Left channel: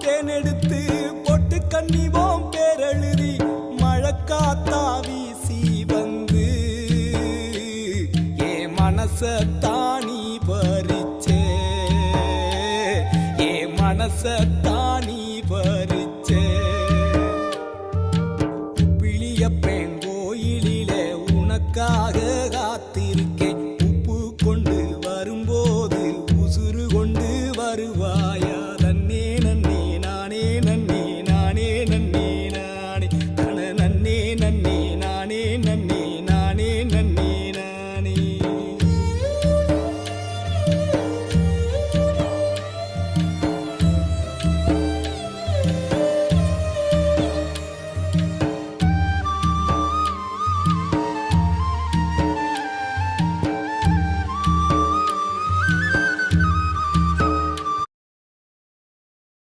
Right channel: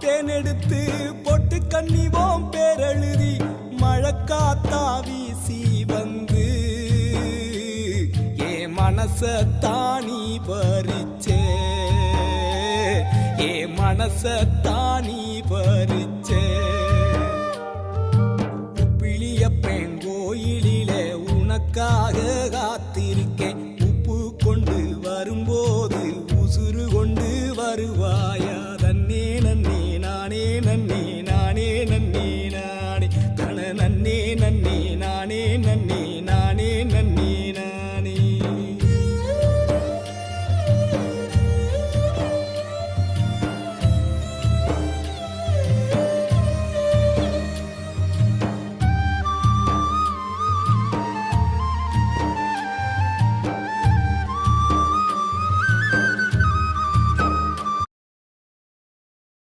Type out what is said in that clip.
தேனெடுத்து பொட்டு கண்ணிவோம் பேரெழுதி மழக்காத்தா வீசி வந்து ஏ மனசத்தானி பறிச்சே ஏ மனசத்தானி பறிச்சே பிளியப்பேன் கோயிலிலே உனக்காக காத்திருக்கேன் உப்பு கொண்டு வரும்போது உசுறு கொண்டு வருவாயா